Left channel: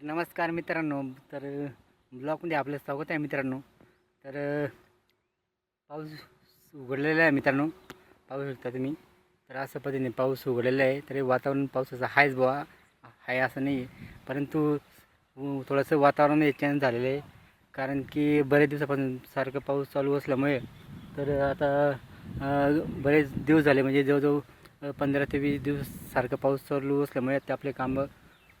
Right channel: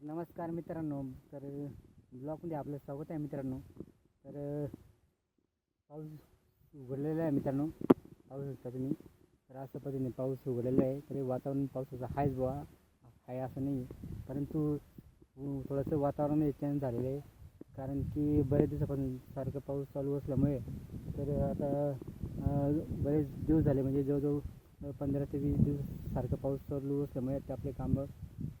तर नमस्कार मित्रांनो. तर ब्लॉगमध्ये आपलं स्वागत आहे मित्रांनो. तर पाऊस उघडलेला आहे मित्रांनो. पाहू शकता तुम्ही. तर असं पद्धतीने पाऊस उघडलेला आहे. तरी वातावरण पावसाचं आहेच बुवा. आहे असं नाही आहे. परंतु थोडंसं वातावरण चेंज झालेलं आहे. कारण की बरेच दिवसापासून सारखं पाऊस चालू असल्यामुळे तर आता बरेच दिवस झाले. म्हणजे जवळजवळ पंधरा ते वीस दिवस सारखं पाऊस चालू असल्यामुळे ते आपले कामं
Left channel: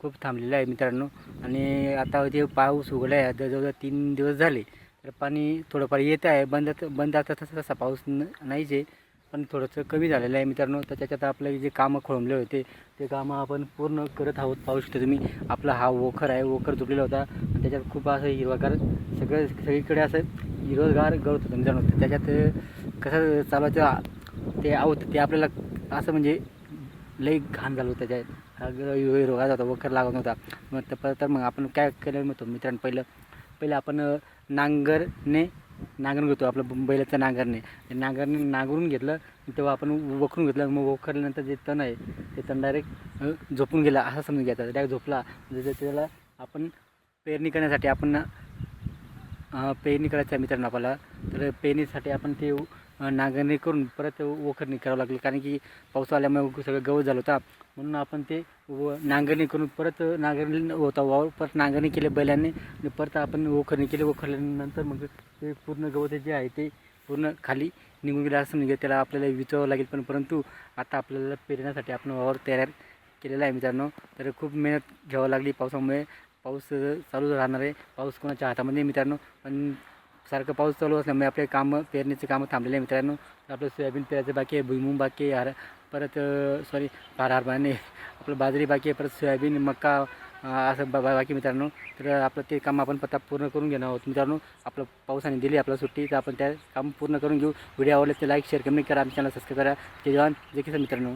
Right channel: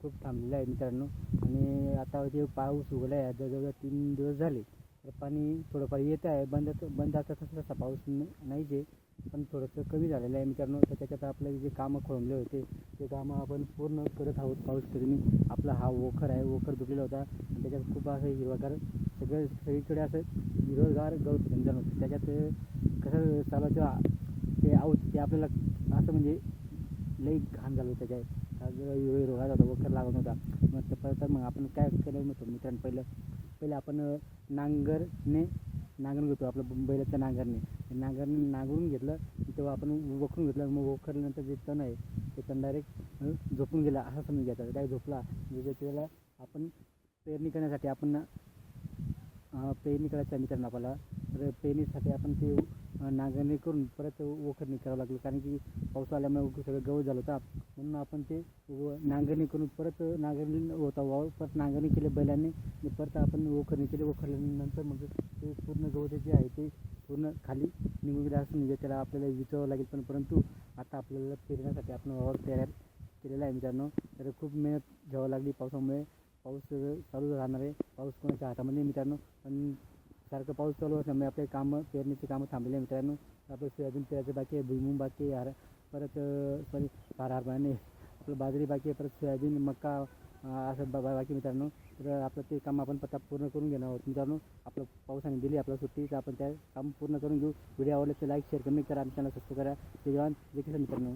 खूप थांबलेलं आहे मित्रांनो. आणि आता जे पाऊस उघडला आहे आता जवळजवळ तीन दिवस झाले तर पाणी थोडंफार येत आहे. बंद बंद आता तसा तसा पाऊस न नाहीच आहे पण थोडंसं कमी झालेलं आहे मित्रांनो. तर त्याच्यात आपले जे कामं खोळंबले होते ते कामं आपण पूर्ण करत आहोत. पाहू शकतो तुम्ही आपला हा वोखर आहे वोखर झुकलेला होता. आणि त्याच्यात खूप असं हिरवागार सगळं सगळीकडे असं हिरवगार गळत होतं मित्रांनो. त्याच्यात कसं चालवायचं ते आहोत ते आपल्याला असं म्हणजे लई घाण झालं होतं त्याच्यात. हा हिरवागार होता वखर लागत नव्हता. मग तर तर मग आपण काय केलं म्हणतो मित्रांनो पहिलं पहिलं आपण नांगरने नांगरून घेतो आपलं बैलाचं नांगरणे. नांगरणे नांगरून घेतलं तेव्हा आपण वखरून घेतलं मग वखरल्यानंतर जे तण आहे ते तण डायरेक्ट झोपून गेला असं समजून घ्यायचा. डायरेक्ट झोपला जसं त्याला आपण पेरणी करण्यासाठी आपण पेरणी करायचं आहे मित्रांनो आपल्याला तर पेरणीसाठी आपण ते नांगरणी करून परत वखरणी करावं लागली. कारण की पाऊस आल्यामुळे सगळं गवत झालं होता. म्हणून आपण ते व नांगरणी करून परत नांगरणी होता वावर. परत नांगरणी केले बैलांनी. आणि परत आपण वखरणी केली. वखरल्यानंतर मग ते पूर्ण गवत जे आहे ते पूर्ण खाली निघून गेलं असं म्हणजे त्याला आपल्याला विचवावं लागेल. पण परंतु आता आपल्याला पेरण्यासाठी आपण वावर तयार केलेला आहे मित्रांनो. तर खूप मेहनत घ्यावं लागली पावसामुळे. पाऊस चालू राहणार आहे. पाऊस कोणाच्या हातामध्ये मित्रांनो. पण सारखं पाऊस चालू असल्यामुळे आपले कामं पेरणीचे कामं थांबलेले आहे मित्रांनो. आपलं सोयाबीन पेरायचं बाकी आहे भुईमुंग बाकी आहे हर परत सॉरी फार हरभाने आपलं बाजरी बाकी आहे परत सोयाबीन मका असं बा बाकी मित्रांनो. तर आपलं ते काम आपण पत्ता पूर्ण करून घेणार आहोत मित्रांनो. आपलं पावसाने दिली आपल्याला सुट्टी तर आपण त्या काम पूर्ण करून घेऊ. व्हिडिओ आवडले ते लाईक शेअर कमेंट करा. आमच्या चॅनल सबस्क्राईब करा. जय जवान जय किसान मित्रांनो.